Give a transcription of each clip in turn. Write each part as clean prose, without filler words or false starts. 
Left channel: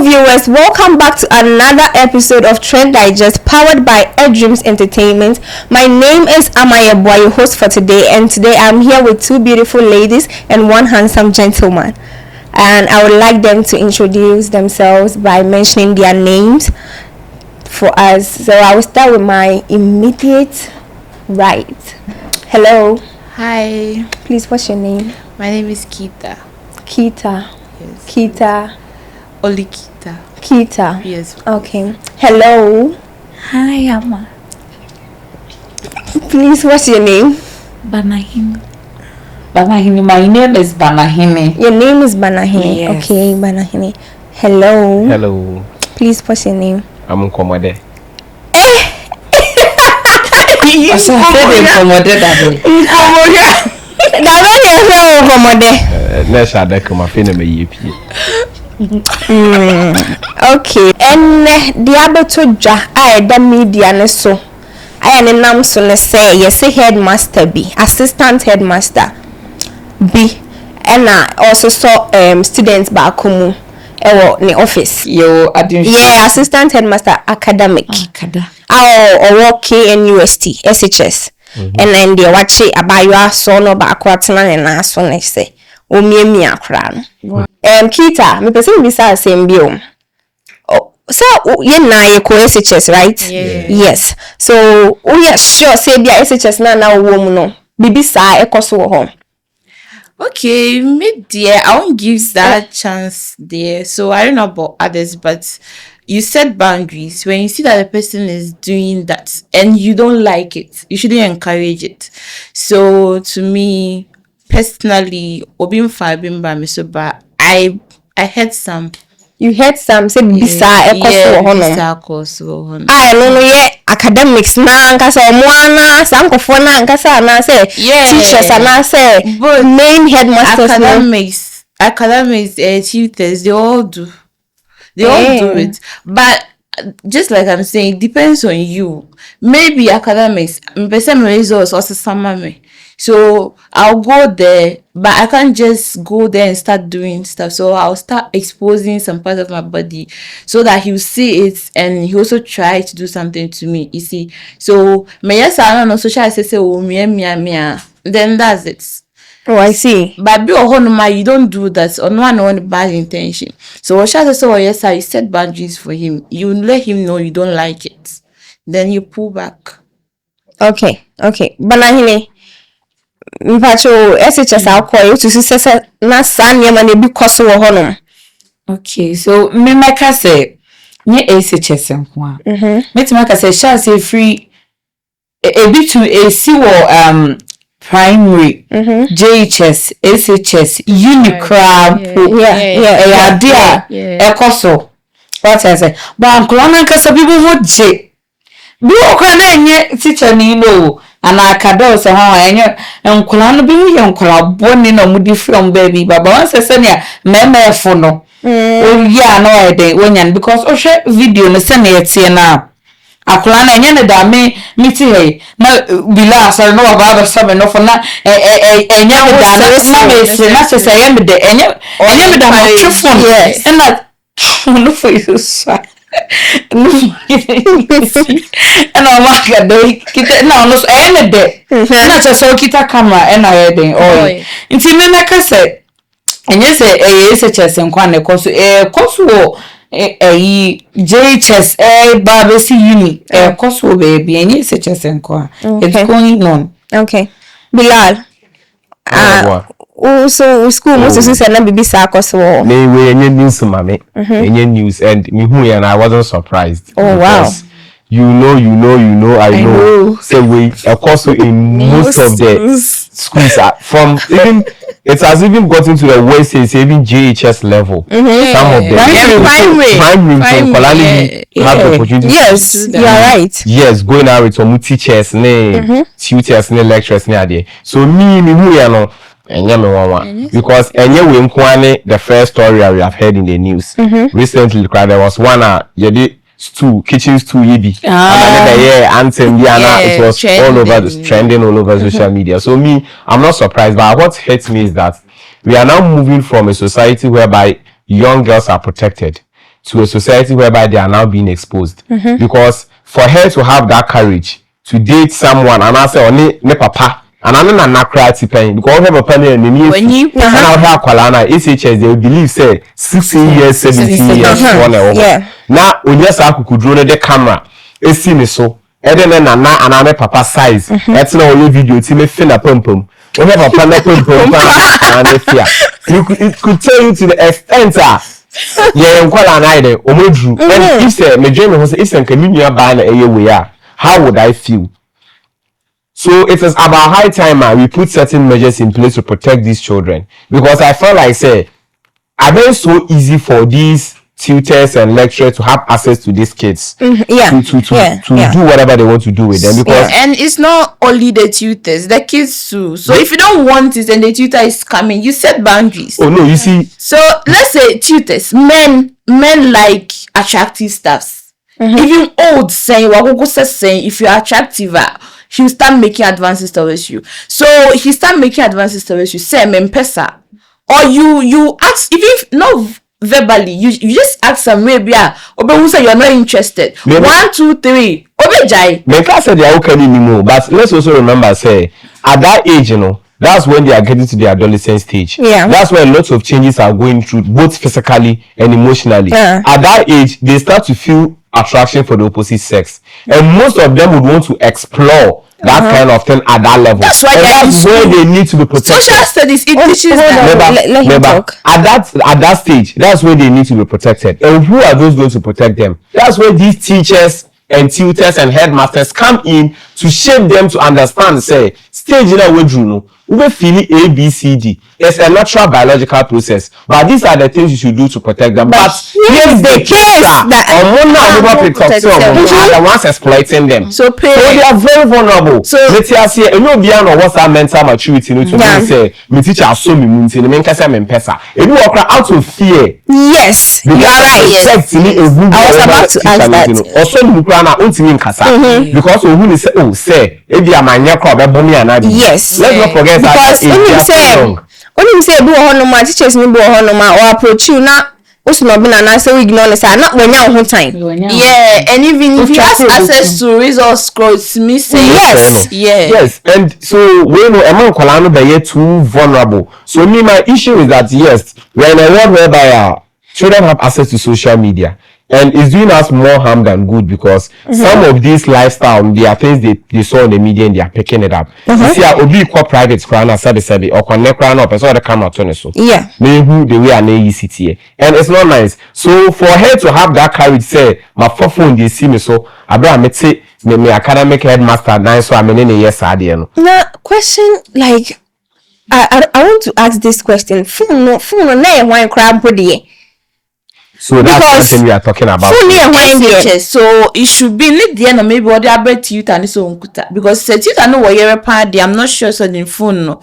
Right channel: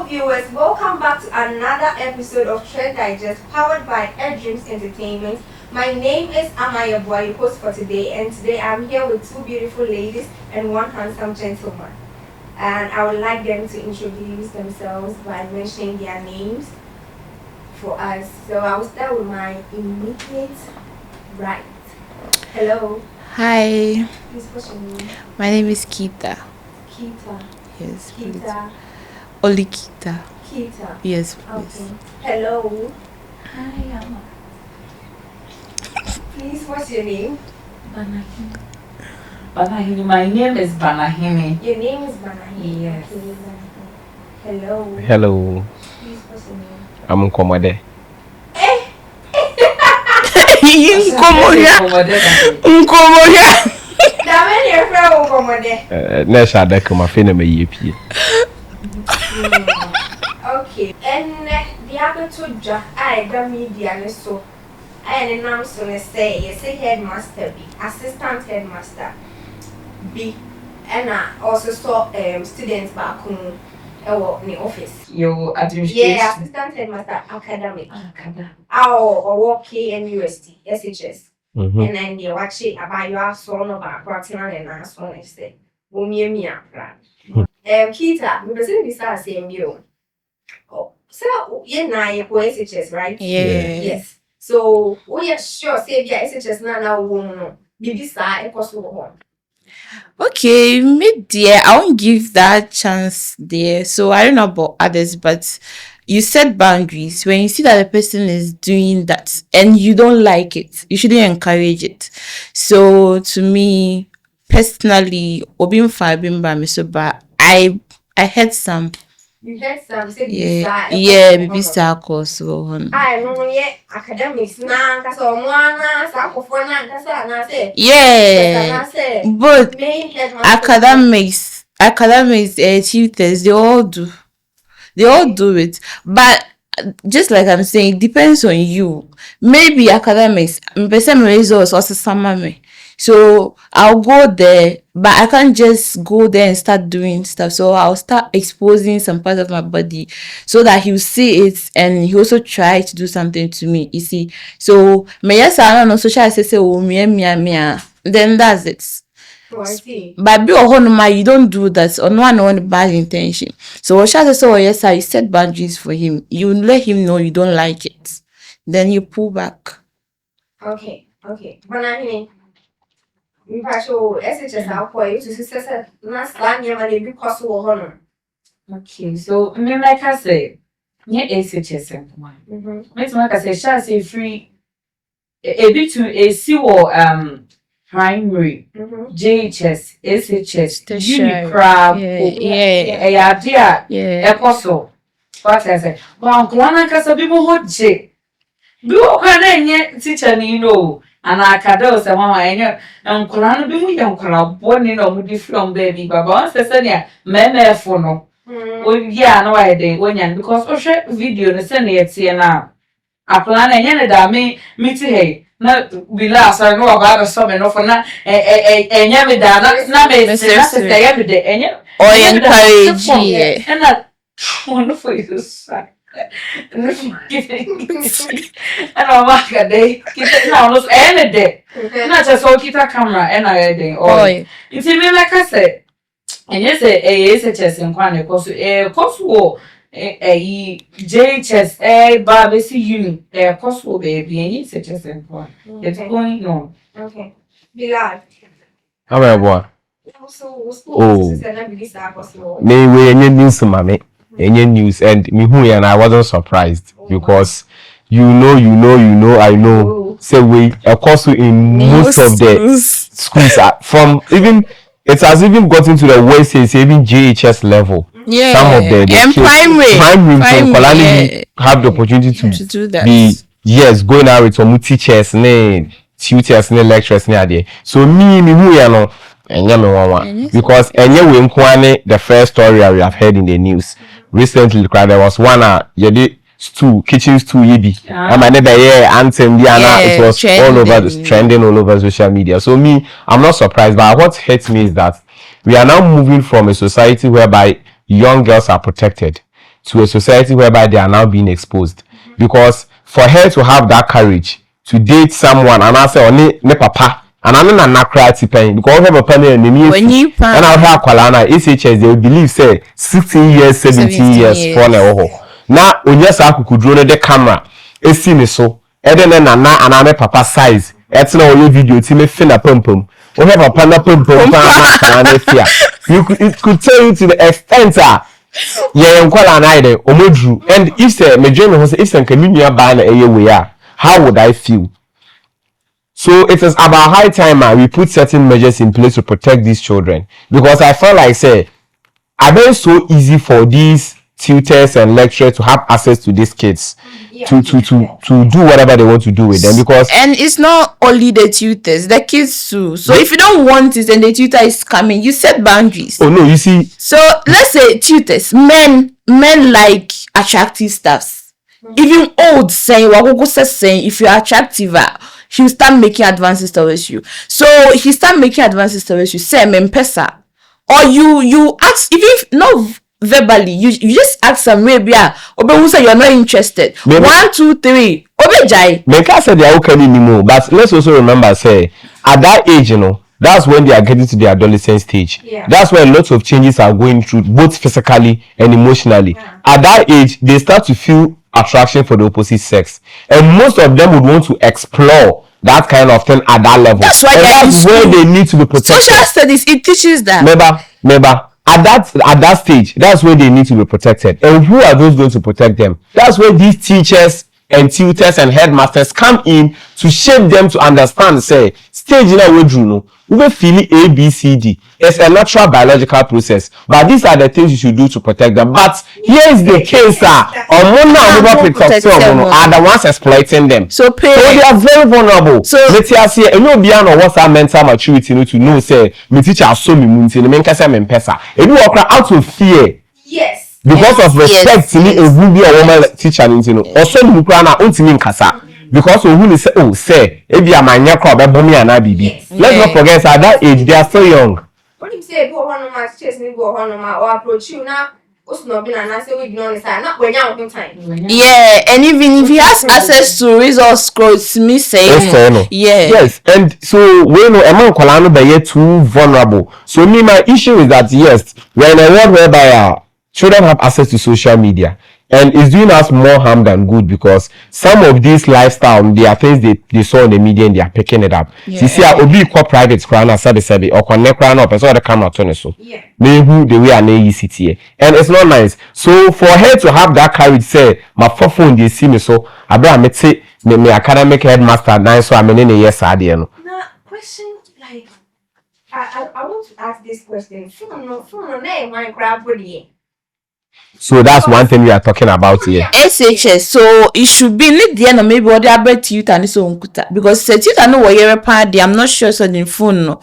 Hello viewers, welcome back to another episode of Trend Digest powered by Dreams Entertainment. My name is Amaya Boy, your host for today, and today I'm here with two beautiful ladies and one handsome gentleman. And I would like them to introduce themselves by mentioning their names for us. So I will start with my immediate right. Hello. Hi. Please, what's your name? My name is Kita. Kita. Yes. Kita. Oli Kita. Kita. Yes. Please. Okay. Hello. Hi, Amma. Please, what's your name? Banahini. Banahini. My name is Banahini. Your name is Banahini. Yes. Okay, Banahini. Hello. Hello. Please, what's your name? I'm Komode. Okay. And the other two I the media so I am nam so ne say yes headmaster B, assistant headmaster B, and I also saw students back home in the office. Yeah, assistant headmaster academic. Or work KNUST SHS. And then they watch it about your son or back and ask on they say. O me akran. Kita, me person bisa same biom. Oh, so you na ye ko SHS, right? Yeah. Yes. So we are sure say bia SHS na wo no. Bibi sa ekoso wo ho. Okay, me dear, I won't give that chance there. So I don't know about others, but you set boundaries. When you see that the person is doing that and you don't like it, you shouldn't encourage it. So to me, personally, I had some. You had some say bisa ekoso. I no ye academics na nkasa omwana sankofo na nkasa na say teachers na say but main headmasters academics tutors they all do it, but just like I'm saying, it depends on you. Maybe academics person results also some me. So I'll go there, but I can't just go there and start doing stuff. So I'll start exposing some part of my body so that he'll see it and he also try to do something to me. You see, so I don't know. Social say oh mia. Then that's it. Oh, I see. But be you don't do that on one bad intention. So what shall I say? Oh yes, I set boundaries for him. You let him know you don't like it. Then you pull back. Okay. Banahini. Mpacho SHS akọ to success na sanye ma na bi koso wo hono. Okay, so me make say nye SHS nko a. Metima ka say sha say free e bi to AC wo primary JHS SHS Unicrab yeah ekoso what I say but nko ka say people wo je bi o kwa na nye teacher ni no ana akada so ha enye nkola no bi mu ye nkola boni na mudi from baby baba wan se ne meme fo no o ya no e dey wonya because o hwe video no se na yetie na akola na enye ne da me miti he na bila asar no baba so me no fo na enye me da na me se se ye me de enye me da yes and that no for you so and I'm like they kita na no any day na just so kita camera and I dey oh nti me make say enye say SHS nkwa ne koso koso JHS babesi uni koso baby enye SHS nkwa it's going on. Okay, Bilal. So school was say na bibi sa koso Me we enye news mame enye news and me who and I wasn't surprised because you know I know say we also in most of the schools from even it has even gotten to the way say even JHS level. Some of them primary have the opportunity to do that. Right. Yes, going out with some teachers, tutors, lecturers, there. So me who you know. Because the first story we have heard in the news recently, there was one kitchen stew yibi. Anthem it was all over trending all over social media. So I'm not surprised, but what hurts me is that we are now moving from a society whereby young girls are protected. to a society whereby they are now being exposed. Because for her to have that courage to date someone and I say ne papa and I know na cry tipen because her papa na me when you and I hear akwala na SHS they will believe say 16 years 17 years for na now onye sa akukudro no the camera esi me so ede na na me papa size eti na onye video ti me fe na pompom o her papa na pompom pa na fear it could tell you to the extent yeah nkwala na ide omodru and if say me dream ho say if say nkanunua ba na eye we a how would I feel? So it is about high time we put certain measures in place to protect these children, because I felt like say I bet it's so easy for these tutors and lecturers to have access to these kids to do whatever they want to do with them, because and it's not only the tutors, the kids too. So if you don't want it and the tutor is coming, you set boundaries. Oh no, you see, so let's say tutors, men like attractive stuffs. Even old saying if you're attractive, he'll start making advances towards you. So he start making advances towards you, say pesa, or you ask, even if not verbally, you just ask some maybe who say you're not interested. Maybe. 1 2 3 obejai. Men can't say they are okay anymore, but let's also remember say at that age, that's when they are getting to the adolescent stage. Yeah. That's when lots of changes are going through, both physically and emotionally. Yeah. At that age, they start to feel attraction for the opposite sex, and most of them would want to explore that kind of thing at that level. That's why that's where they need to be protected. Social studies, it teaches that. Remember, at that stage, that's where they need to be protected. And who are those going to protect them? That's where these teachers and tutors and headmasters come in to shape them to understand. Say, stage in a way, Juno, we feel A, B, C, D. It's a natural biological process, but these are the things you should do to protect them. But here's the case that are the ones exploiting them. So they are very vulnerable. So let's say, you know, beyond what's our mental maturity, to me say, me teacher so me munti, me kasa me pesa. And you walk out of fear. Yes. Because of respect, me a good woman teacher, or so you na untimi nkasa because who say oh say if you are my nyakro be anadi. Yes. Let's not forget that age they are so young. Only say do honoma teachers me do honoma or approach you na osuno be na say we ignore say not when you on time. Yeah, and even if he has access to results scrolls me say yes, and so we know among kwala no be too vulnerable. So me my issue is that yes, we're in a world whereby children have access to social media. And it's doing us more harm than good, because some of these lifestyle, they are things they saw in the media and they are picking it up. You see, Obi ko private crown as sabi or connect crown up, and so the camera turn so. Yeah. Maybe the way an AECT, and it's not nice. So for her to have that courage, say my phone they see me so, Abraham me say me academic headmaster nine so I'm in a yes idea. Now question like I want to ask this question. Phone no why crab body. So that's one thing we are talking about here. SHS. So it should be need the end maybe what they are bet you and so because said you know what you're party. I'm not sure so the phone no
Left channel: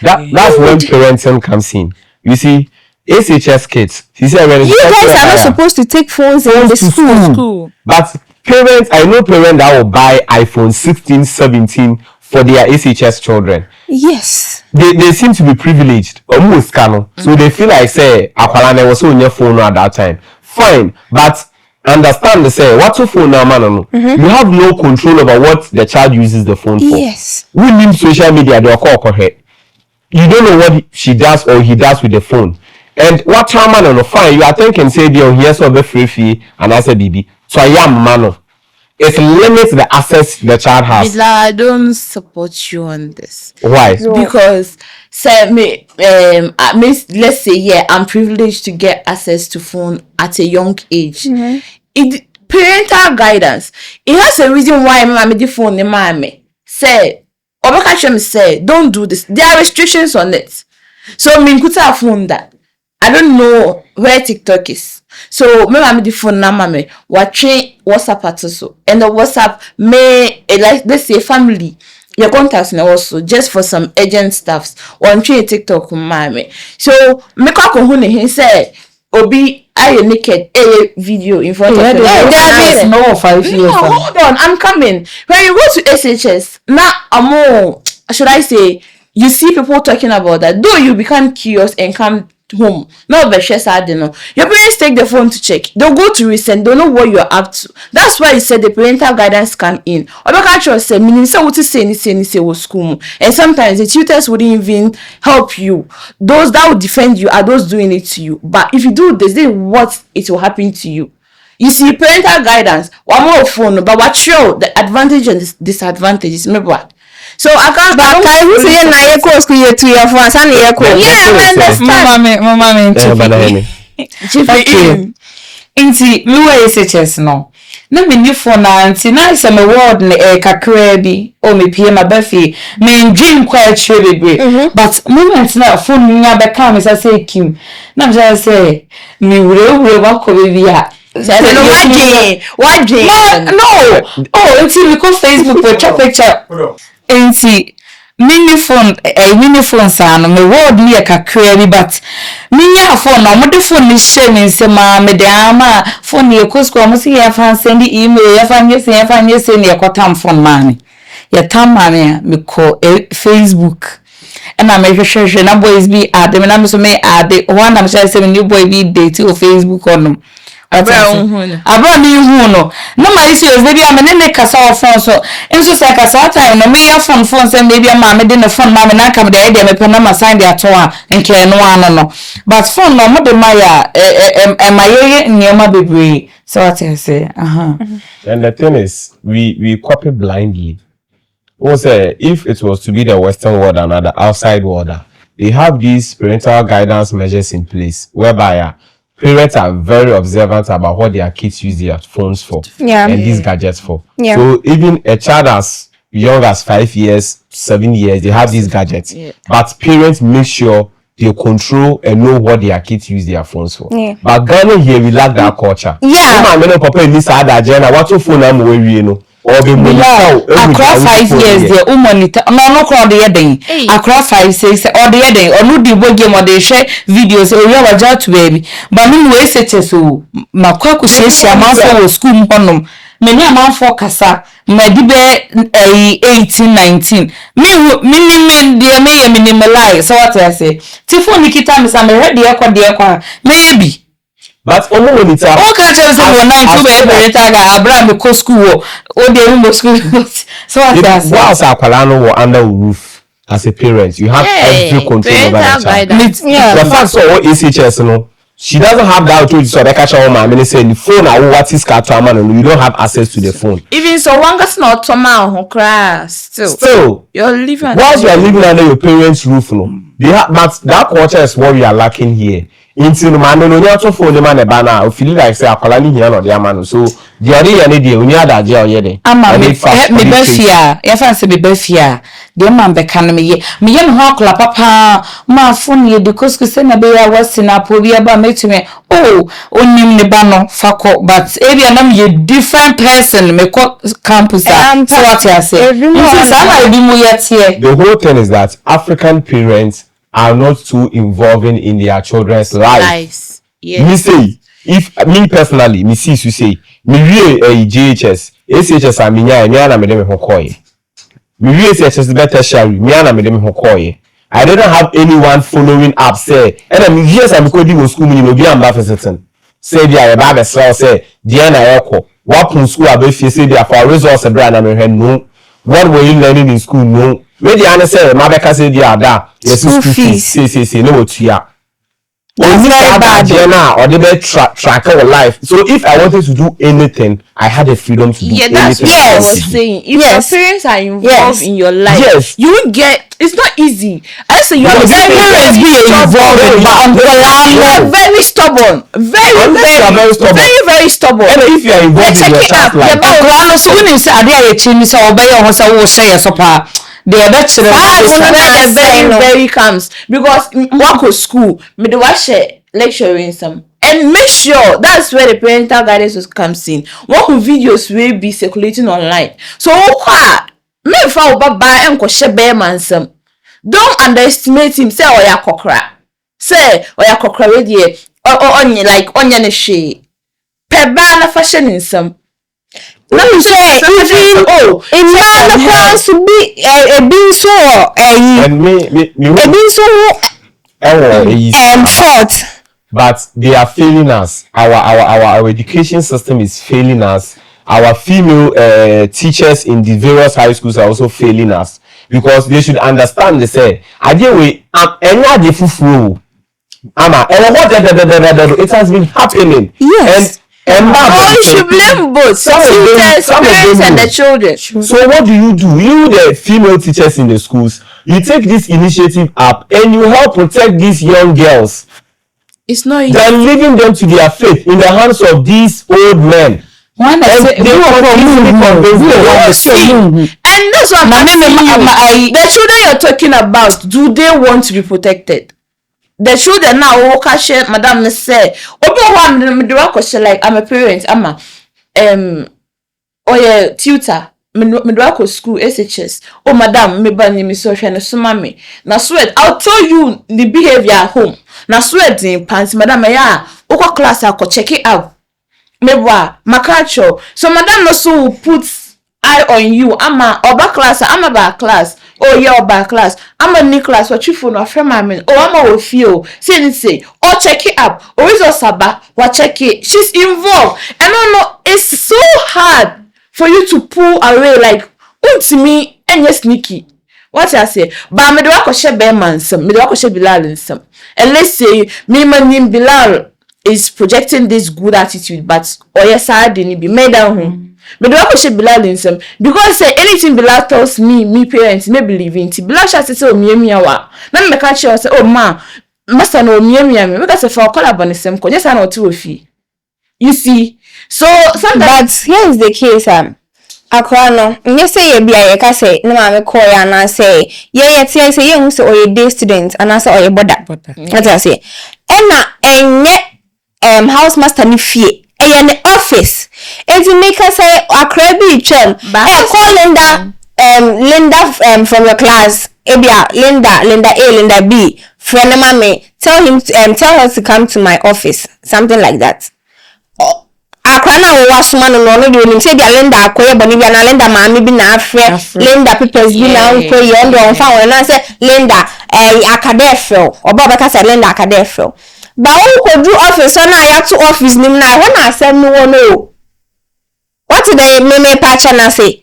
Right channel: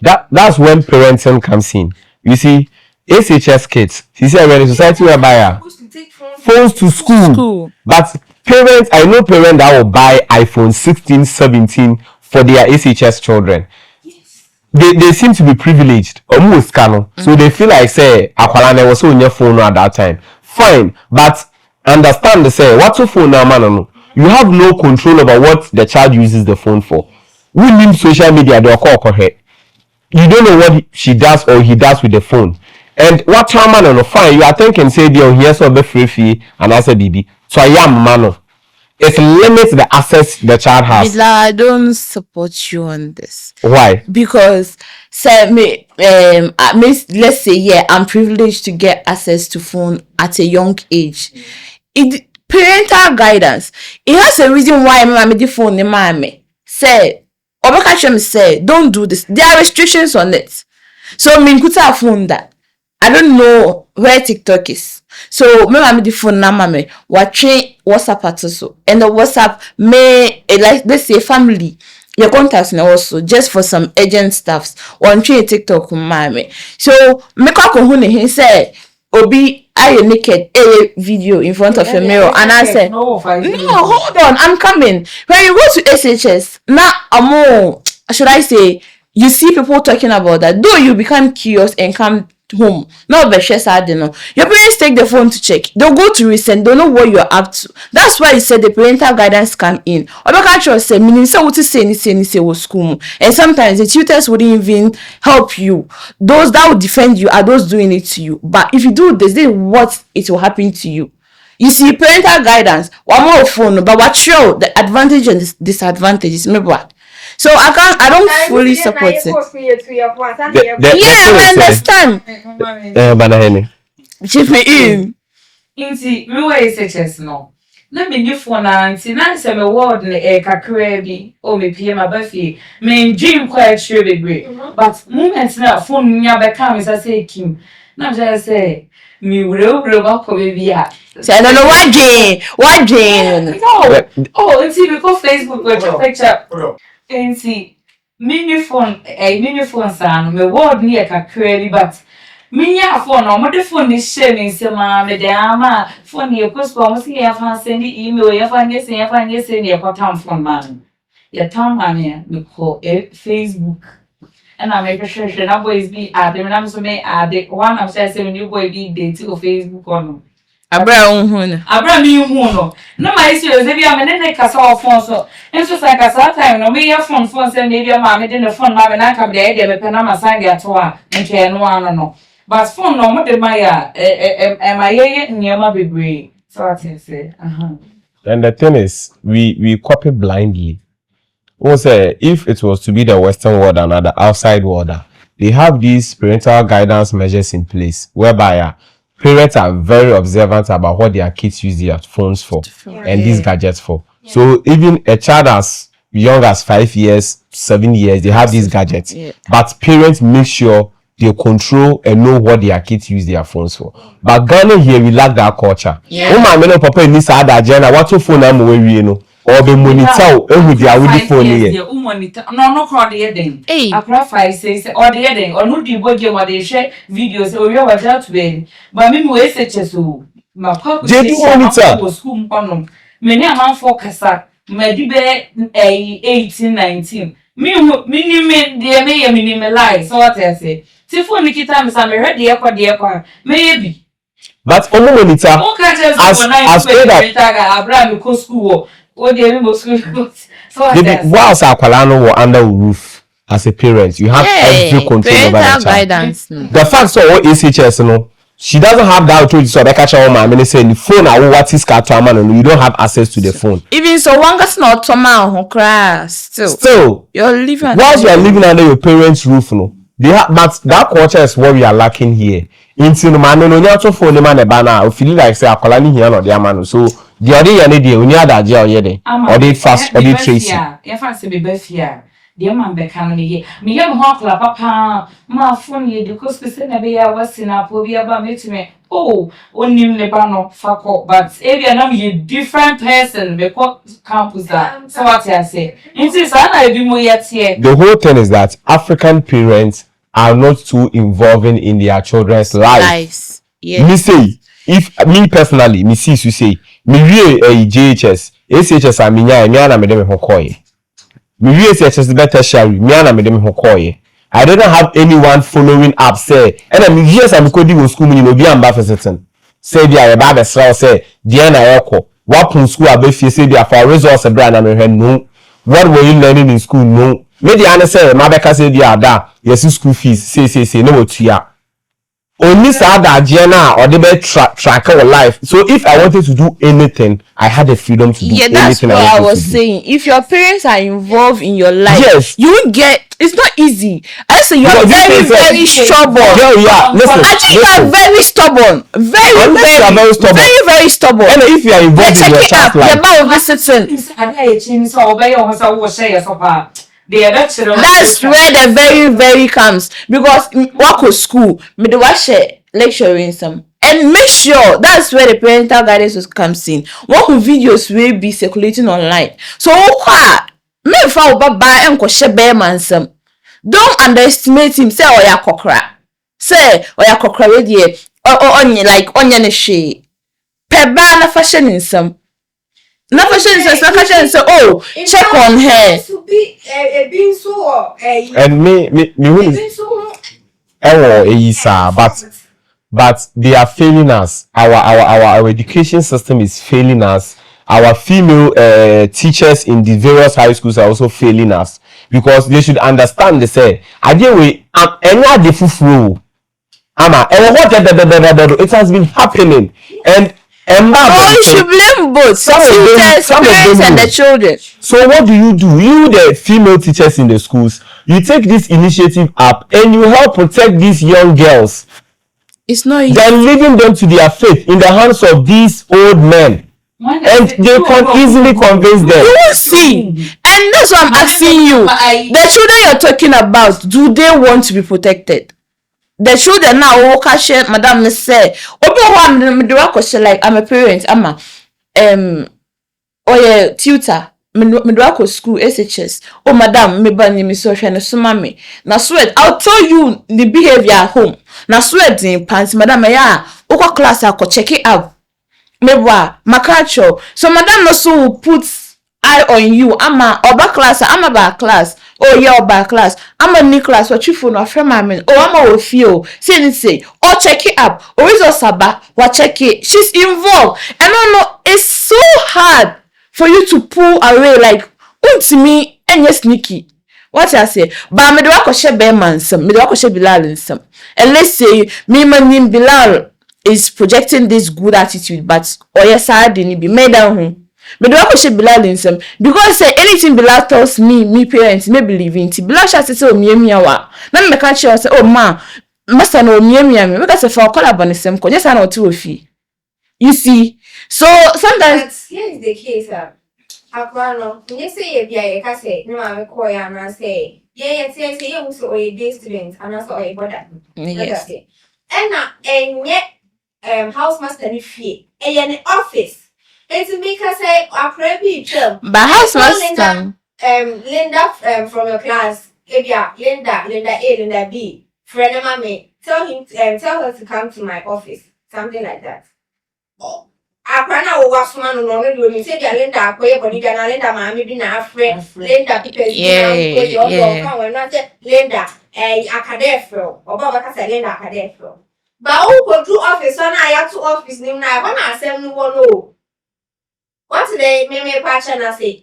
that's when parenting comes in. You see, SHS kids. He said when you guys are supposed to take phones to school. But parents, I know parents that will buy iPhone 16, 17 for their SHS children. Yes. They seem to be privileged, almost canon. So they feel like say Akwalane was on your phone at that time. Fine, but understand the say what's your phone now, man? You have no control over what the child uses the phone for. Yes. We need social media. They call her. You don't know what she does or he does with the phone. And what time man on fine? You are thinking say they here so be free fee and I say BB. So I am man. It limits the access the child has. I don't support you on this. Why? Because say let's say I'm privileged to get access to phone at a young age. It parental guidance. It has a reason why I'm the phone the mommy. Say Obakachem say don't do this. There are restrictions on it. So me kuta phone that. I don't know where TikTok is. So me mami the phone na mami watching WhatsApp at so and the WhatsApp may like let's say family your contacts now also just for some urgent stuffs watching TikTok mami. So me ko hune he say obi I naked a video in front of your mirror and I said no hold on I'm coming. When you go to SHS now should I say you see people talking about that though you become curious and come home. No, but she said, no. Your parents take the phone to check. They'll go to recent. Don't know what you're up to. That's why he said the parental guidance come in. Or the culture say, meaning say what to say school. And sometimes the tutors wouldn't even help you. Those that would defend you are those doing it to you. But if you do this is what it will happen to you. You see, parental guidance, one more phone, but what show the advantage and disadvantages, maybe what? So I don't really understand. Inti me SHS no. Na me ni phone na anti na se me word ne kakra bi o me pie ma ba fi me dream kwa chire bebre but moment na phone nya be ka me say kim na me say me wure ba ko be bia say no what dream no oh inti we go Facebook for check picture inti mini phone sa no me word ni kakra bi but minya phone no mo de phone ni share ni se ma me de ama phone ye kosko mo si ya fan send email ya fan yes ni e kwatam phone man ya tam man me ko Facebook and I me share na boys be add me na me so me add one am share say new boy be date o Facebook on abra ni hu no na ma isi o baby am ne kasa o phone so enso say kasa time no me ya phone say maybe am me de ne phone ma me na kam de e me pe na ma sign de ato a nke no ano no but phone no mo de ma ya maye nyema bebre so what I say And the thing is we copy blindly. Also, if it was to be the Western world and the outside world, they have these parental guidance measures in place whereby parents are very observant about what their kids use their phones for and these gadgets for. So even a child as young as 5 years, 7 years, they have these gadgets. But parents make sure they control and know what their kids use their phones for. But Ghana here, we lack that culture. Papa in this other agenda, what's your phone number you know? Or the monitor across 5 years the monitor no crowd the heading across 5 6 or the heading or no the game or they share videos or you are to baby but me we say so makwaku share na for school honum many amount for kasa my dibe 18 19 me dey me minimalize so what I say tifo nikita me say ready e kwa maybe but on monitor okay just on 9 to be Abraham go school o dey in school so what I say whilst akwala no were under roof as a parent you have every control over the child the fact so SHS no she doesn't have that authority so they catch her mama and say the phone what is car to man you don't have access to the phone even so one gets not to man still you're living whilst you are living under your parents roof no they have but that culture is what we are lacking here into no man no nya to phone the man e ba na o feel like say akola ni here no dey man so the other year ni dey onya adaje oye dey or dey fast or dey trace ya fancy be befia dey man be kan me ye ho akola papa ma phone ye de kosko se na be ya wasina po bi aba metime oh onim ne ba no fako but area na me different person me ko campus so what I say the whole thing is that African parents are not too involving in their children's lives. Me say, if me personally, me see you say, me real JHS, SHS and me na me dem hokoye. Me real SHS better share me na me dem hokoye. I didn't have anyone following up say, and I mean yes I'm going to school me no be am ba for certain. Say dia e ba be say, dia na yeko. What from school abefie say dia for results e bra na me no. What were you learning in school no? Where the answer my beka say dia da yes school fees say no tuya only say that agenda or the track our life so if I wanted to do anything I had the freedom to do anything that's what I was saying if your parents are involved in your life you will get it's not easy I say you are very stubborn you are very stubborn very stubborn and if you are involved in your child's life that's where the very comes because work with school me the watch lecturing some and make sure that's where the parental guidance comes in work with videos will be circulating online so me fa baba enko shebe mansam don't underestimate him say oya kokra we dey onye like onye ne hwe peba na fashion in some no, check on her. To be a being so and me a being so but they are failing us. Our education system is failing us. Our female teachers in the various high schools are also failing us because they should understand. They say, it has been happening. Yes. And you should blame both teachers, parents, and the children. So what do? You, the female teachers in the schools, you take this initiative up and you help protect these young girls. It's not easy. They're leaving them to their fate in the hands of these old men. And they can easily convince them. You will see. And that's what I'm asking you. The children you're talking about, do they want to be protected? The children now, Madam say, like I'm a parent, I'm a tutor. Me school SHS. Oh, madam, me ban me so shane so mami. Na sweat, I'll tell you the behavior at home. Na sweat in pants, madam, ya. Oko class I could check it out. Mewa, makacho. So madam no so puts eye on you. Ama oba class, ama ba class. Oh yeah, oba class. Ama ni class. What you phone or friend mami? Oh ama will feel. Say. Oh check it up. Or is osaba? What check it? She's involved. And no, it's so hard for you to pull away like to me and yes sneaky. What I say? But me do I share Beman some, me do I share Bilal in some. And let's say me man Bilal is projecting this good attitude, but yes I didn't be made down home. Me do I share Bilal in some because say anything Bilal tells me parents may believe in. Bilal shall say oh me wa. Now me catch you say oh ma, master no me. Because if I call up on the same, yes I know two fee. You see. So sometimes here is the case. Akwa no, nye say ye bia ye ka say na ma me call ya na say ye tie say ye hu say oye day student and say oye boda. What I say? Ena enye house master ni fie. Eye ne office. Enti make us say akra bi twem. But house Linda Linda from your class. Ebia Linda A, Linda B. Friend mama tell him tell her to come to my office. Something like that. Akwana wo wasoma no no de onim say dia Linda akoye boni bia na Linda maami bi na afre Linda papers bi na nkoye ondo onfa won na say Linda akadefro oba beka say Linda akadefro ba won ko do office na ya to office nim na ho na asem no no what the me patch na say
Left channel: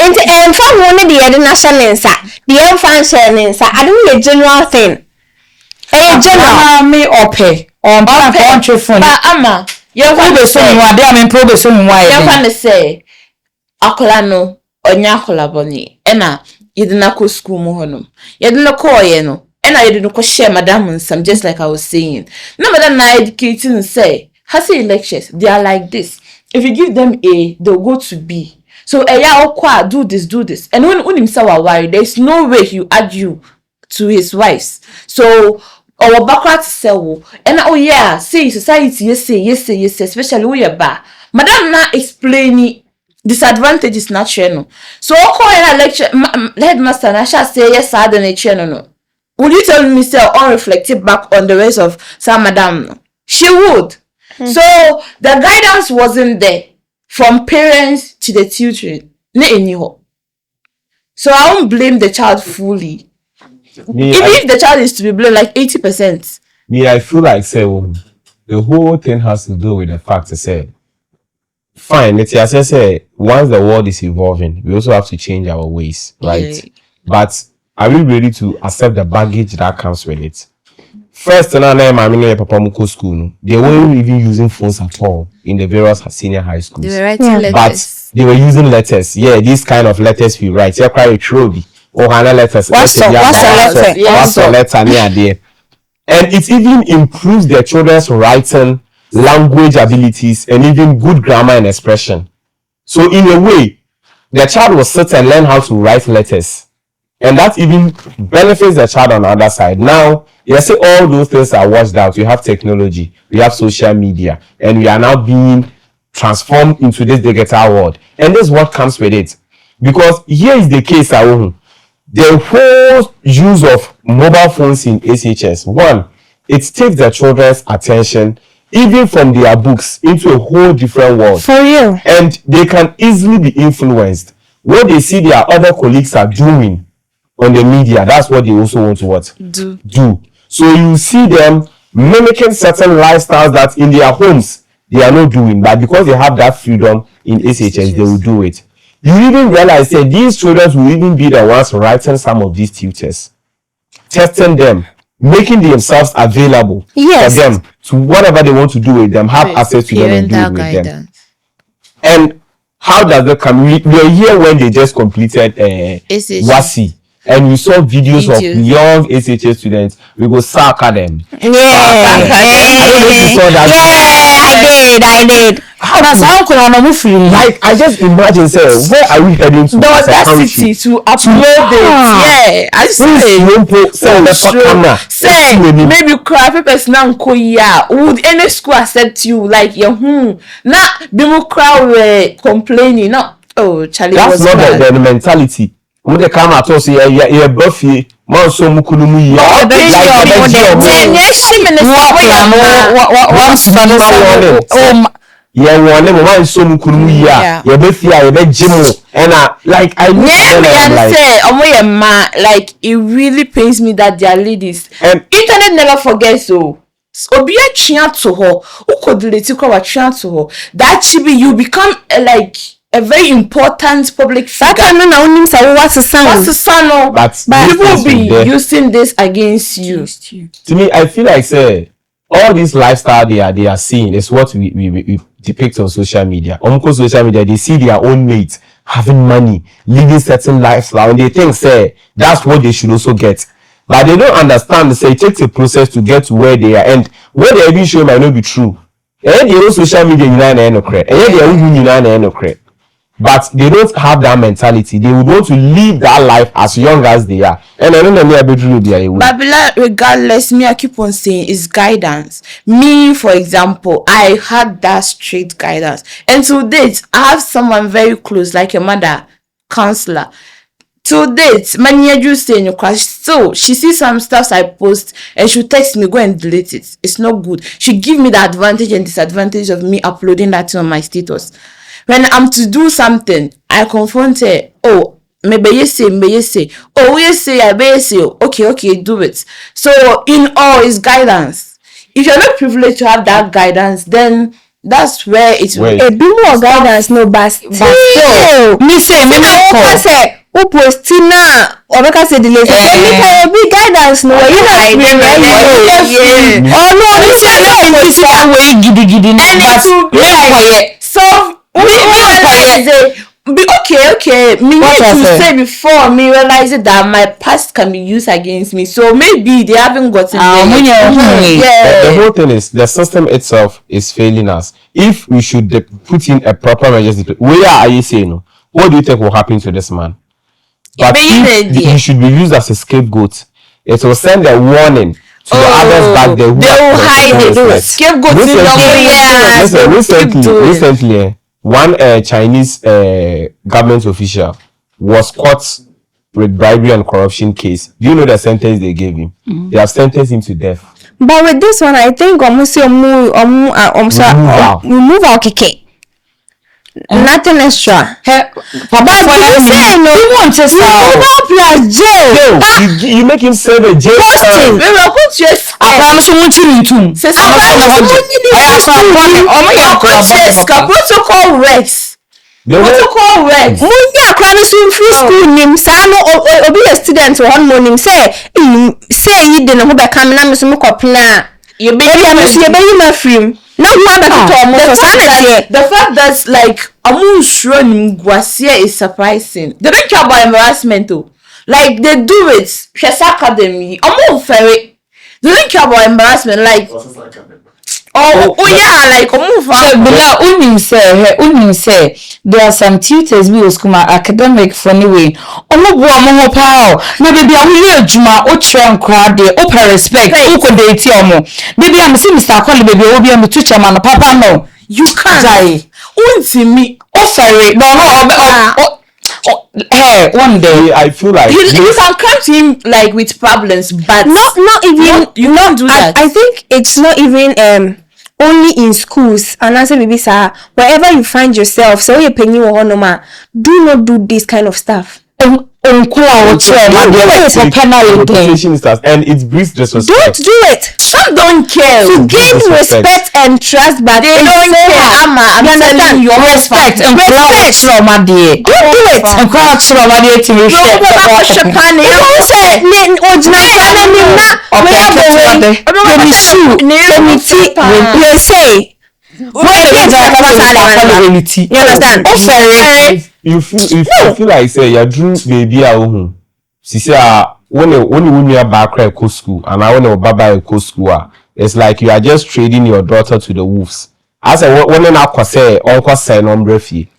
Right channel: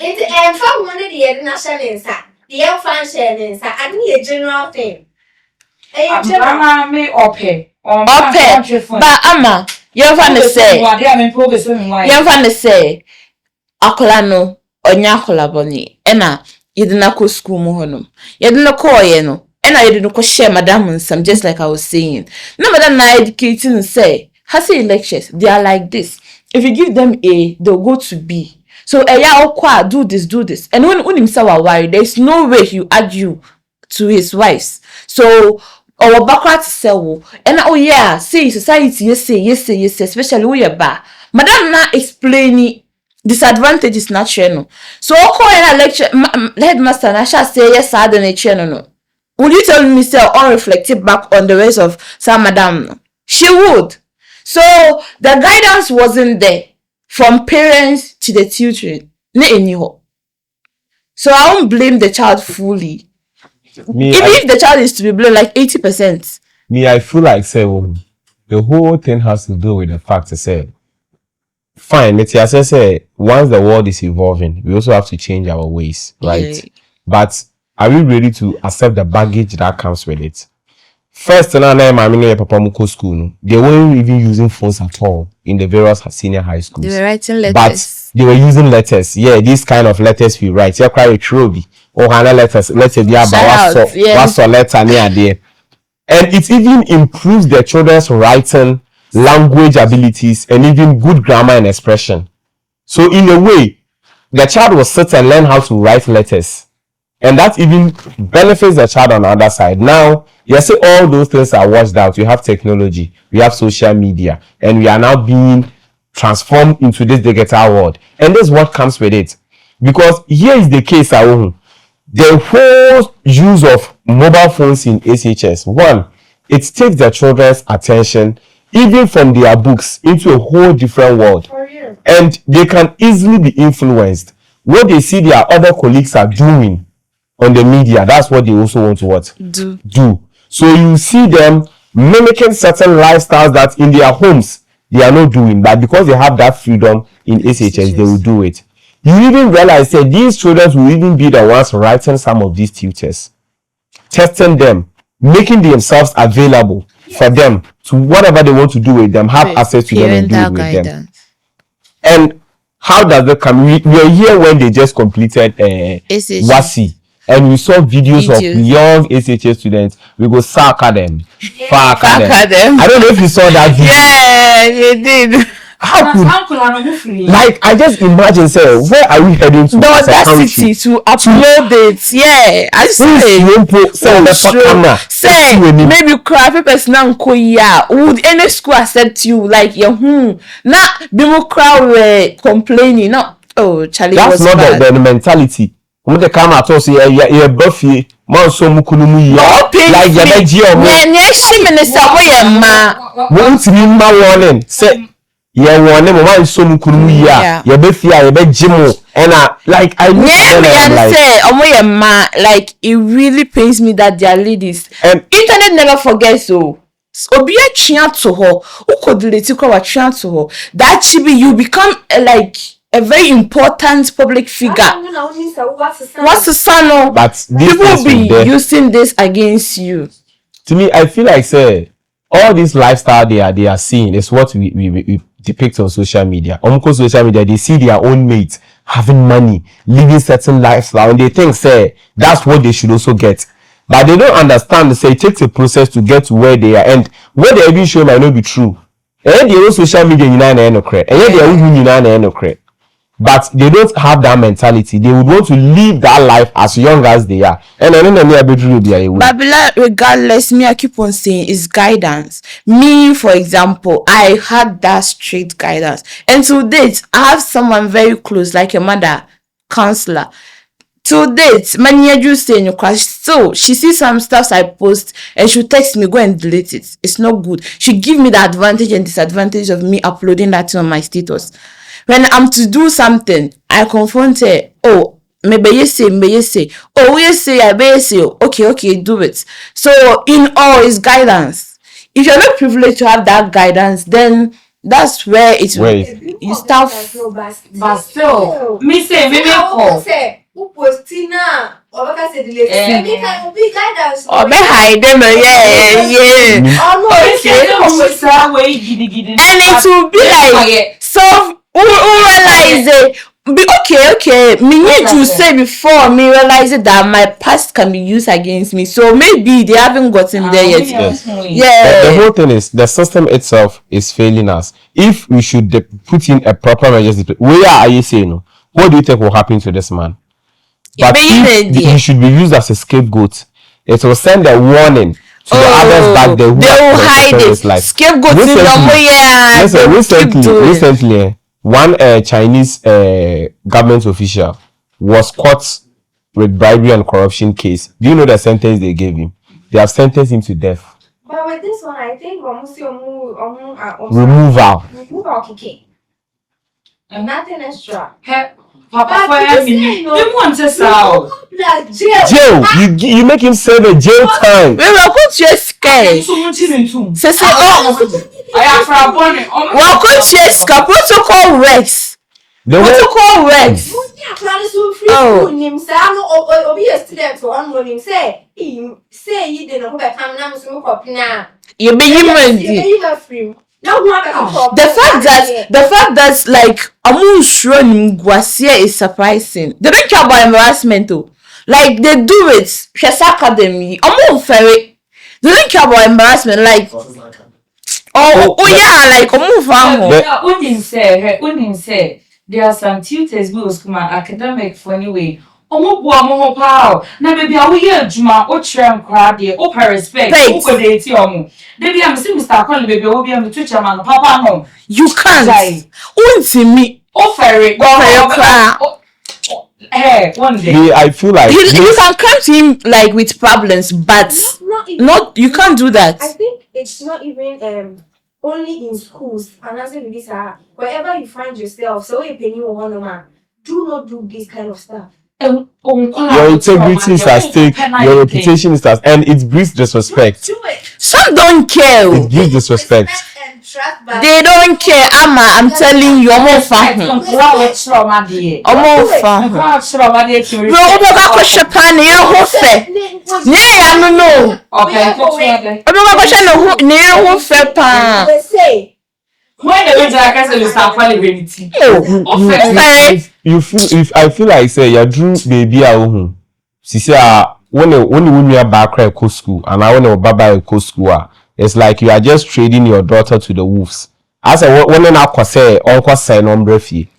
enti fa ho ne de ye na shanensa de ye function nensa adu ye general thing general me ope on ba ama you fan say akola no onya akola boni ena yedina ko school mu honum yedina ko oye no ena yedina ko share madam nsam just like I was saying no madam na educating say has lectures they are like this if you give them A they'll go to B so eya okwa do this and when himself are worried there is no way he add you to his wives so our background sell and oh yeah see society yes especially we are ba madam na explaining disadvantages na channel so call in a lecture headmaster na shall say yes I don't channel no would you tell me say unreflective back on the rest of some madam no? She would so the guidance wasn't there from parents to the children so I won't blame the child fully. Even if the child is to be blamed like 80%. I feel like say the whole thing has to do with the fact to say fine, let's say once the world is evolving, we also have to change our ways, right? Yeah. But are we ready to accept the baggage that comes with it? First, school, they weren't even using phones at all in the various senior high schools. They were writing letters. But they were using letters. Yeah, these kind of letters we write. You cry a trophy. Or letters, what's letter near there. And it even improves their children's writing, language abilities, and even good grammar and expression. So in a way, the child will sit and learn how to write letters. And that even benefits the child on the other side. Now, you say all those things are washed out. You have technology, we have social media, and we are now being transformed into this digital world. And this is what comes with it. Because here is the case, the whole use of mobile phones in SHS. One, it takes the children's attention, even from their books, into a whole different world. For you. And they can easily be influenced. What they see their other colleagues are doing on the media, that's what they also want to do. So you see them mimicking certain lifestyles that in their homes they are not doing, but because they have that freedom in SHS, they will do it. You even realize that these children will even be the ones writing some of these tutors, testing them, making themselves available for them to whatever they want to do with them, have access to them and do it with them. And how does that come? We are here when they just completed WASI, and we saw videos of young SHS students. We go sack at them. I don't know if you saw that video. I did. Like, I just imagine, say, where are we heading to? The audacity to upload it. I say, maybe cry papers now would any school accept you? Like, now people cry complaining. No, oh, Charlie, that's not the mentality. When they come at us, you're Buffy. Man, so mukunumu ya like the yeah, one name one so mukunumu ya you be fear you be jimu and like I like it really pains me that they are ladies. Internet never forgets. So obi a tria to her who could delete you kwa tria to her that chibi you become like a very important public figure. What's the son? But people will be using this against you. To me, I feel like say all this lifestyle they are seeing is what we depict on social media. On social media, they see their own mates having money, living certain lifestyle, and they think say that's what they should also get. But they don't understand. Say it takes a process to get to where they are, and what they even show might not be true. And they social media and they but they don't have that mentality. They would want to live that life as young as they are. And I don't know but regardless, me I keep on saying is guidance. Me, for example, I had that strict guidance. And to date, I have someone very close, like a mother, counselor. To date, many you say in your class, so she sees some stuff I post and she'll text me, go and delete it. It's not good. She give me the advantage and disadvantage of me uploading that on my status. When I'm to do something, I confront her. Oh, maybe you say. Oh, you say, I may say. Okay, do it. So, in all, is guidance. If you're not privileged to have that guidance, then that's where it's a bit more guidance, no, but still. Me say, who postina or because the delay can be guidance no yeah and it will be like so we realize it be okay me need to say before me realize that my past can be used against me, so maybe they haven't gotten there yet. The whole thing is the system itself is failing us. If we should put in a proper measures, where are you saying? What do you think will happen to this man? But if he should be used as a scapegoat, it will send a warning to the others back there. They will hide it. Scapegoat recently, one Chinese government official was caught with bribery and corruption case. Do you know the sentence they gave him? They have sentenced him to death. But with this one, I think almost remove our keke. Nothing extra. Papa, you want to start jail. You make him serve a jail time. Protocol Rex. Protocol Rex. Obi a student one morning say you didn't know back coming and some copina. You be free. Now the fact that like Amun Guasia is surprising. They don't care about embarrassment though. Like they do it. She's academy. Amun ferry. They don't care about embarrassment. Like like Unim say there are some tutors we was come academic funny way. Mo power. Maybe I'm here Juma o train crowd there. Open respect. Who could they tell me? Maybe I'm see Mr. Kwali baby will be on the teacher man. Papa no. You can't. Unti me. Ferry. Hey, one day I feel like you can come to him like with problems, but not even you can't do that. I think it's not even only in schools and answer maybe sir wherever you find yourself, so you're paying you no do not do this kind of stuff. reputation is that, and it breeds disrespect. Don't do it. Some don't care. You gain respect and trust, but they don't care. I'm telling you, respect. Don't do it. You feel, I feel like say you drew baby at home. She say when you are back at school and I want to baba at school, it's like you are just trading your daughter to the wolves. As I when I say uncle say number fee.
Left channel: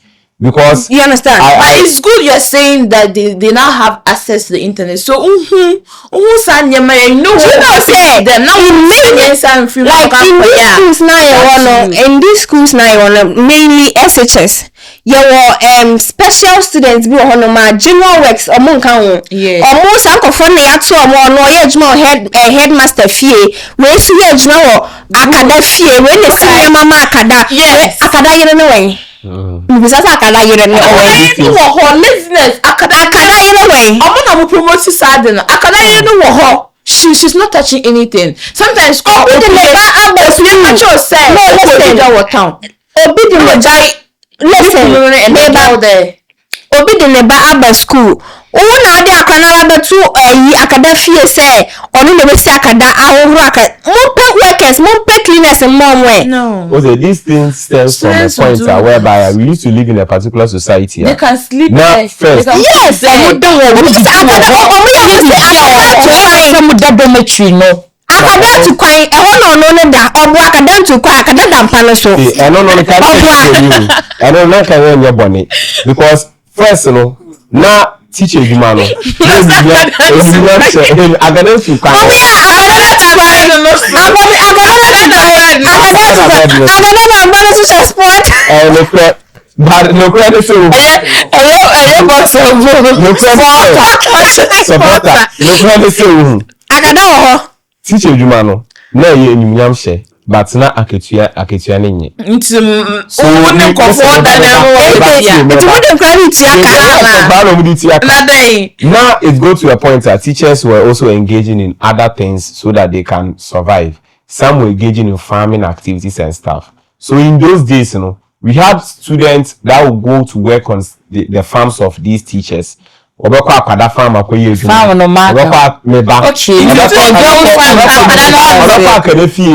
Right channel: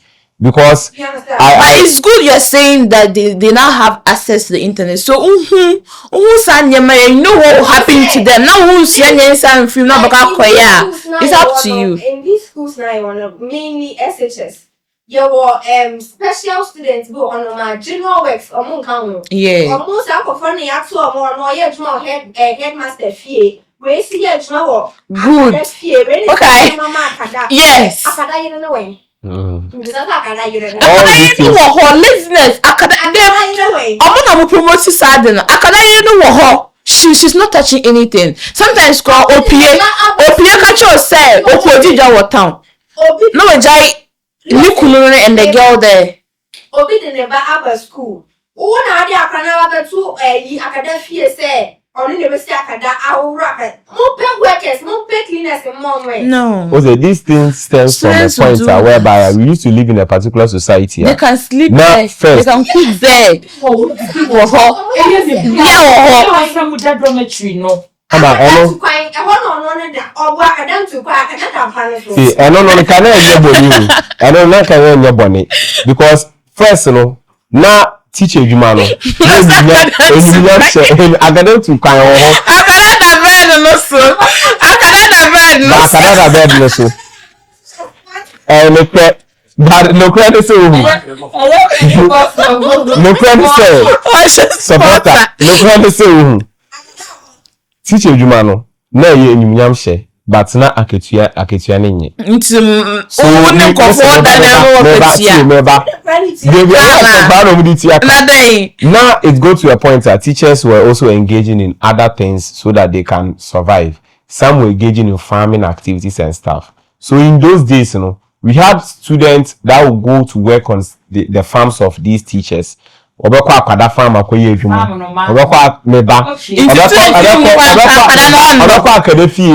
Because you understand, but it's good you're saying that they now have access to the internet. So you know what happened to them now. In these schools now, mainly SHS. Your special students be on general works or monka. Yeah. Almost uncle funny at so more no headmaster fee. Where see a general akada fee when they say mama akada. Yes. Akada you know way. Because akada you know. Her laziness. Akada you know way. I'm gonna promote Saturday. Akada you know she's not touching anything. Sometimes call Opiakacho say Okojija wa town. No jai. Listen, and the girl there. Obi the neba aba school. Oh na de akanara betu akada fie say onu na be si akada ahoro aka. Mo pay workers, mo pay cleaners and more way. No. Okay, these things stems from a point whereby we used to live in a particular society. They can sleep now, there. First, they can yes, there. Akada to kwai no da obo akada to kwai akada dampa no so. Eh no can no can no boni because first no na teacher edwuma no akada to kwai but no credit so akada teacher edwuma no na ye enyumnyam hye but na aketua ne nye so woni kofo da na now it go to a point that teachers were also engaging in other things so that they can survive. Some were engaging in farming activities and stuff. So in those days, we had students that would go to work on the farms of these teachers. Obekwa akada farm akoye edwuma. Obekwa meba. Obekwa akada fie.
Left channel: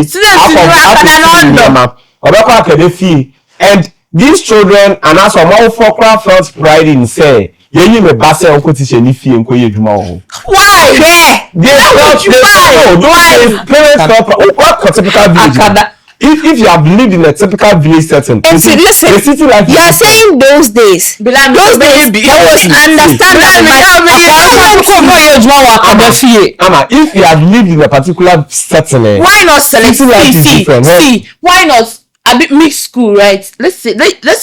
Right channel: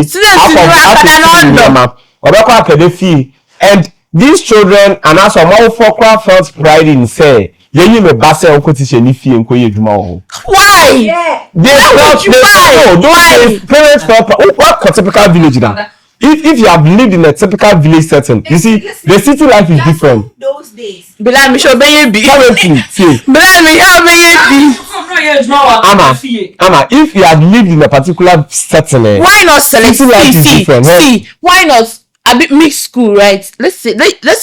Obekwa akada fie. And these children and also more fokra felt pride in say yeyi me ba say onko teacher ni fie nkoye edwuma wo. Why? They parents felt what typical village. If you have lived in a typical village setting, you see, the city life is different. You are saying those days. If you have lived in a particular setting, why not select city life is different? See, why not a bit mixed school, right? Let's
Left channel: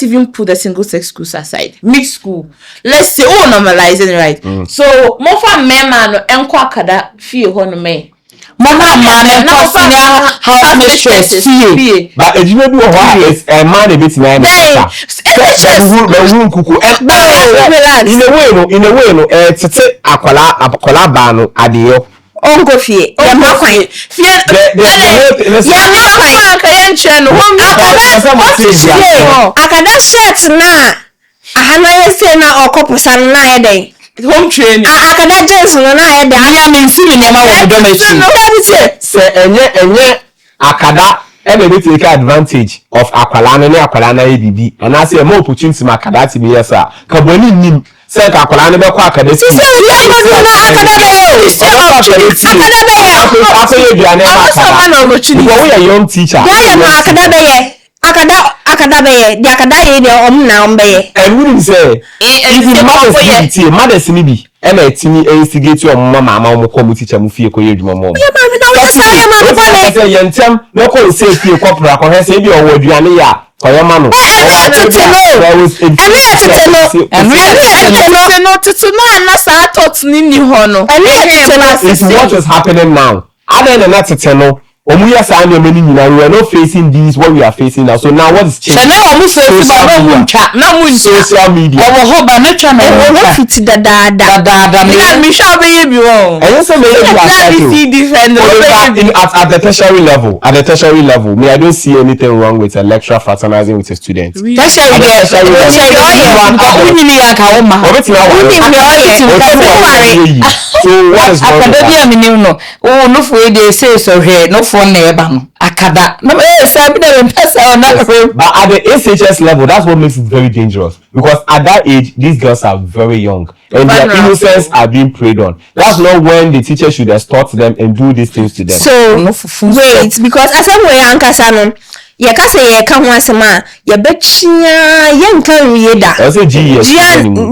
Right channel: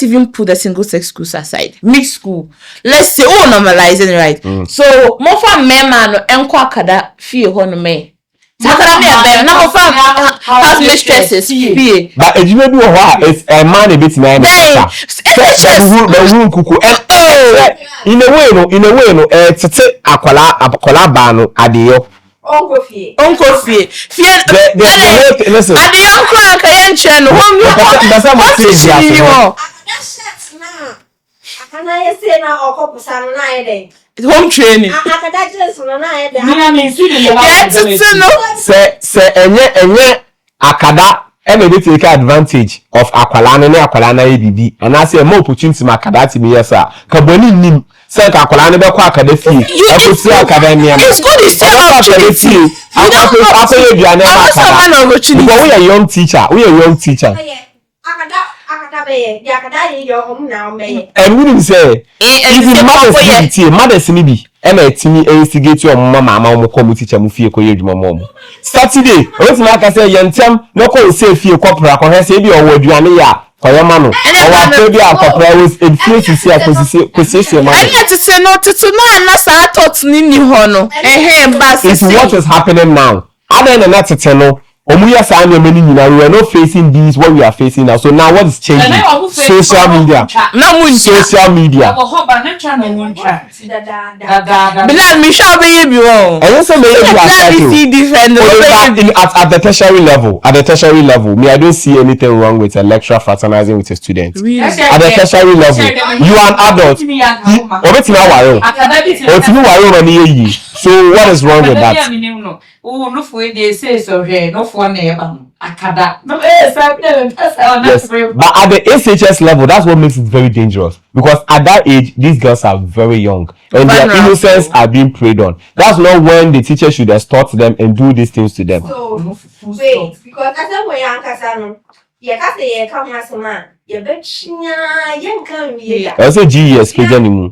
even put the single sex schools aside. Mixed school. Let's say normalizing, right? So more for men man enko akada fie ho no me. But edwuma bi wo ho is a man a bit na in a way no tete akwala ba no adeyo ongo fie akada shirt na ahana yese na okoposa na yede home training akada jeans no na yede anya me nsi me ma se enye akada be take advantage of akwala na bibi and I say more opportunity ma akada ti me yesa ka boni nim se ka akwala ne be kwa akada ti akada we are young teacher akada be the akada ye de na ombe and we didn't say if mothers ni bi e na timi instigate your mama mo come teacher mu fie ko ye dwuma mo Saturday what na say yentem no ko say fie ko pra ko he say bi o waduane ya ko ye ma no o wa to bi akopra was influence is what is happening now other than that no Omuya Sanya many, we were not facing these what we are facing now. So now what is changing? Social media. Social media. I see different at the tertiary level. At the tertiary level, me, I don't see anything wrong with a lecturer fraternizing with a student. Really? At the tertiary level, you are an adult. So what is wrong with that? Oh, no, for they say so here, no for neighbor. Akada. No, yes, but at the SHS level, that's what makes it very dangerous. Because at that age, these girls are very young. And their innocence are being preyed on. That's not when the teacher should extort them and do these things to them. So, wait, because as I'm way Uncle Sanon, ye ka say ye ka ho asema ye betchia ye nka wie da. I say GS anymore.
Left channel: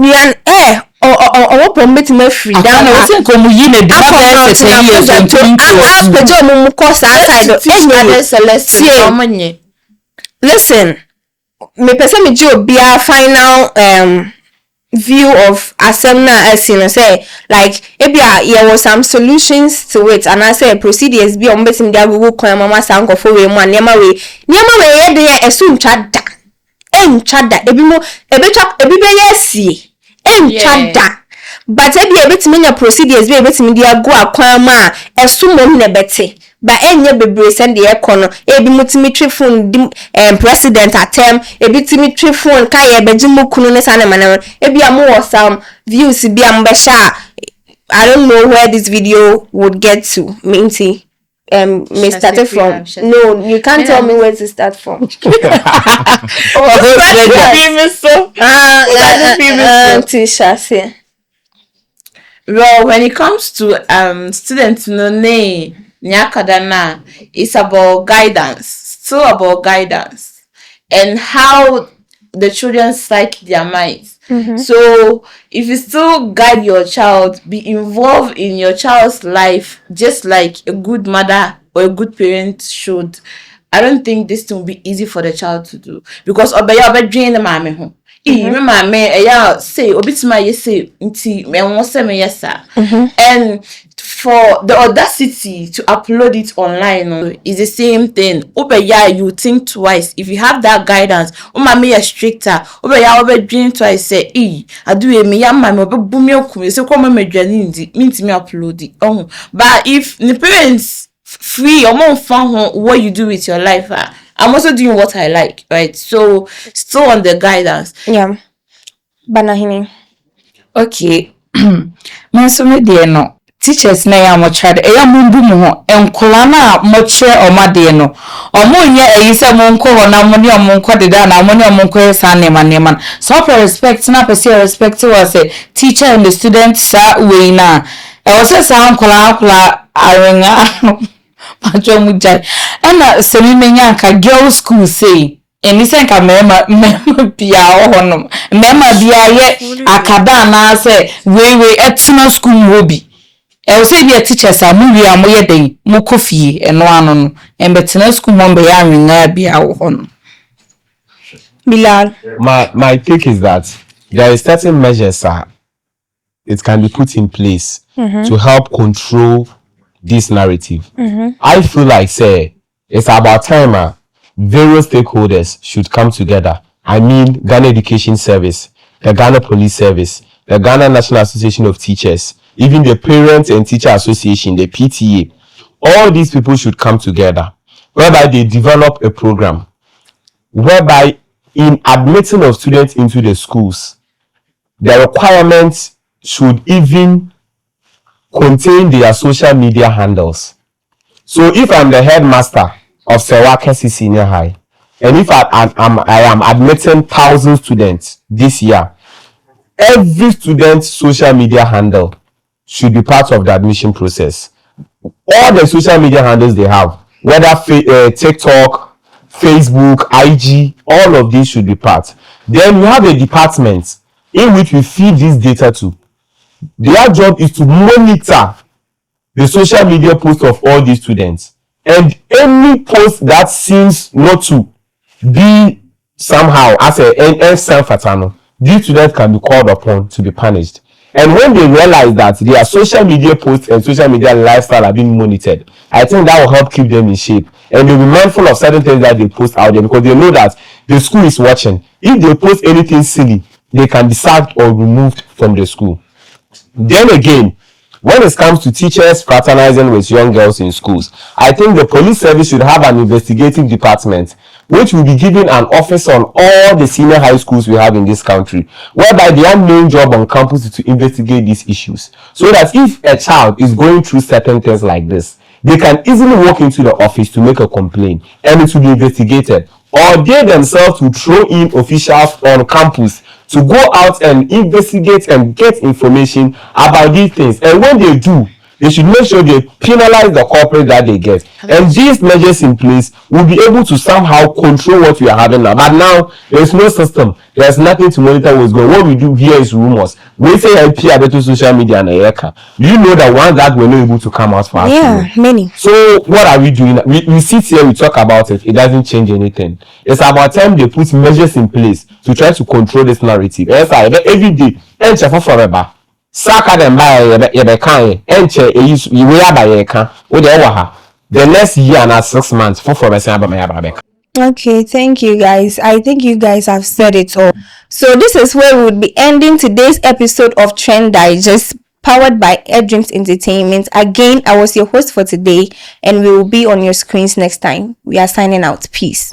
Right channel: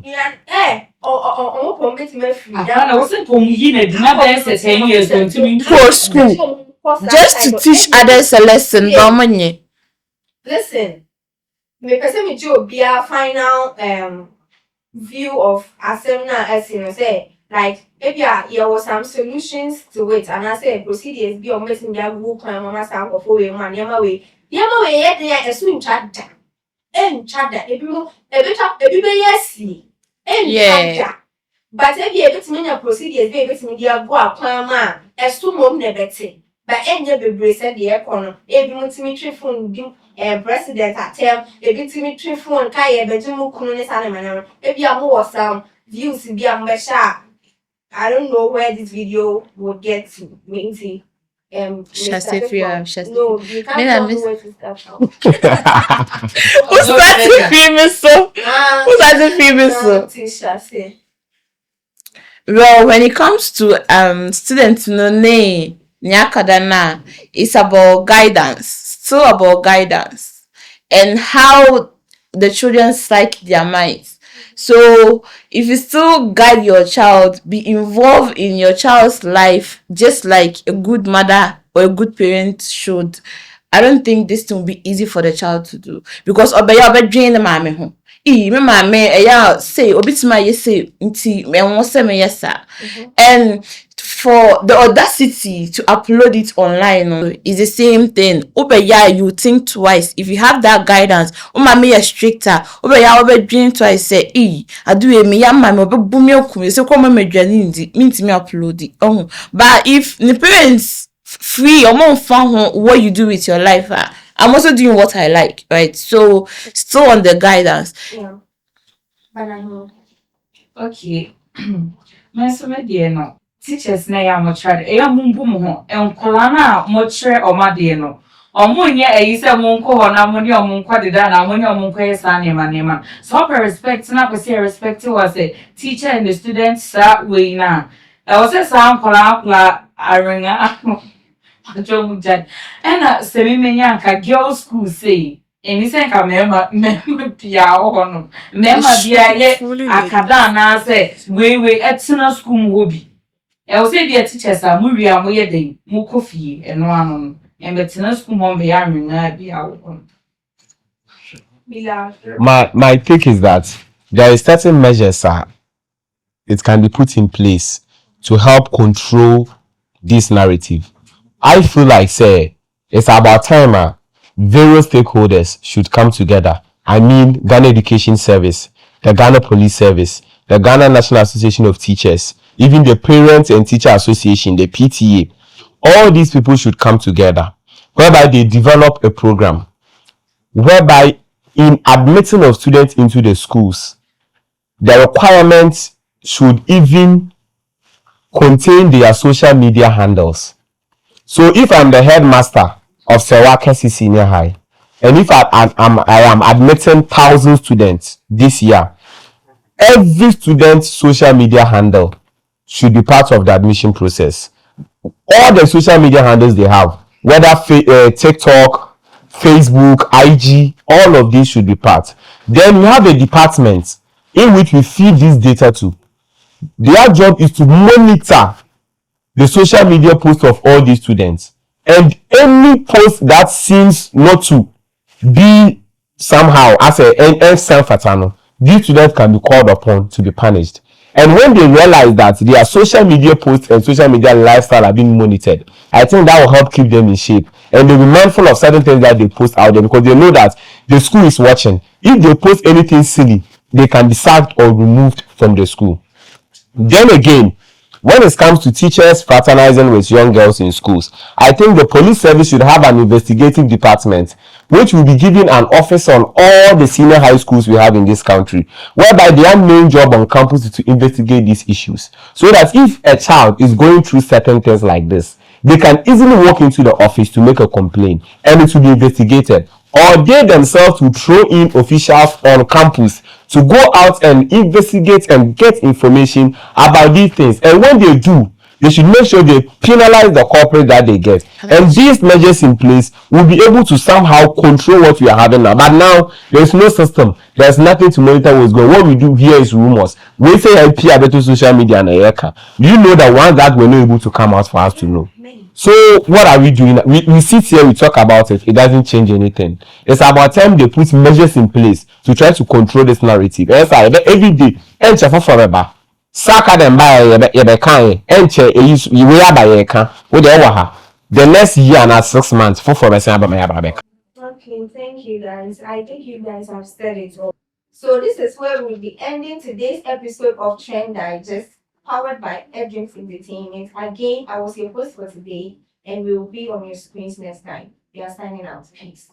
Or permit me free down. I think you need to teach others a lesson. Listen, me person me jo be a final view of asemna as you know say like there was some solutions to it and I say procedures be on betim dia Google kwa mama sanko for we mo niam we ye de esu ntwada entwada ebi mo ebi be yesi enchada but ebetimi nya procedures ebetimi dia go akwan ma esumom na bete ba enye bebre send the ekono ebi mutimi phone president atem ebitimi phone ka ye bejimu kunu ne sane manam ebi amu some views bi ambesha. I don't know where this video would get to minty may start from. No, you can't tell me where to start from. Well, when it comes to students, nyakadana, it's about guidance, still about guidance and how the children psych their minds. Mm-hmm. So if you still guide your child, be involved in your child's life just like a good mother or a good parent should, I don't think this thing will be easy for the child to do. Because obe drain the mama home. Say obitima yese nti me won say me yesa. And for the audacity to upload it online is the same thing. You think twice. If you have that guidance, me a stricter. Dream twice. Say, I do me yamma obe bumi okum. Say come me dwani ndi. Mean me upload it. But if the parents free or more fun what you do with your life, I'm also doing what I like, right? So still on the guidance. Yeah. Banahini. Okay. Menso me de no. Teachers na ya mo chade e ya mumbu mu ho enkola na mo kire o made no omo nye eyise mo nko ho na mo ne o mo nko deda na mo ne o mo nko esa nema so for respect na person respect was a teacher and the student sa we na e o se sa nkola arenga pacho mu jai na se mi menya ka girl school say eni se nka mema bia ho no mema bia ye akada na se we etuna school hobi. I will say be a teacher, movie and we day, more coffee and one and better school member yarning be our home. Bilal. My take is that there is certain measures it can be put in place to help control this narrative. I feel like it's about time various stakeholders should come together. I mean Ghana Education Service, the Ghana Police Service, the Ghana National Association of Teachers, even the Parents and Teacher Association, the PTA, all these people should come together, whereby they develop a program, whereby in admitting of students into the schools, the requirements should even contain their social media handles. So if I'm the headmaster of Sewakesi Senior High, and if I am admitting 1,000 students this year, every student's social media handle should be part of the admission process. All the social media handles they have, whether TikTok, Facebook, IG, all of these should be part. Then we have a department in which we feed this data to. Their job is to monitor the social media posts of all these students. And any post that seems not to be somehow as a self-fatano, these students can be called upon to be punished. And when they realize that their social media posts and social media lifestyle are being monitored, I think that will help keep them in shape. And they'll be mindful of certain things that they post out there because they know that the school is watching. If they post anything silly, they can be sacked or removed from the school. Then again, when it comes to teachers fraternizing with young girls in schools, I think the police service should have an investigative department which will be given an office on all the senior high schools we have in this country, whereby their main job on campus is to investigate these issues. So that if a child is going through certain things like this, they can easily walk into the office to make a complaint and it will be investigated. Or they themselves will throw in officials on campus to go out and investigate and get information about these things. And when they do, they should make sure they penalize the culprit that they get. And these measures in place will be able to somehow control what we are having now. But now, there's no system. There's nothing to monitor what's going on. What we do here is rumors. We say IP about social media and Eka. Do you know that one that we're not able to come out for us to know? Many. So what are we doing? We sit here, we talk about it. It doesn't change anything. It's about time they put measures in place to try to control this narrative. Every day, and forever. Saka them by yebe enche we by yeka wo de wa the next year and 6 months for Okay, thank you guys. I think you guys have said it all. So this is where we would be ending today's episode of Trend Digest, powered by Dreams Entertainment. Again, I was your host for today, and we will be on your screens next time. We are signing out. Peace.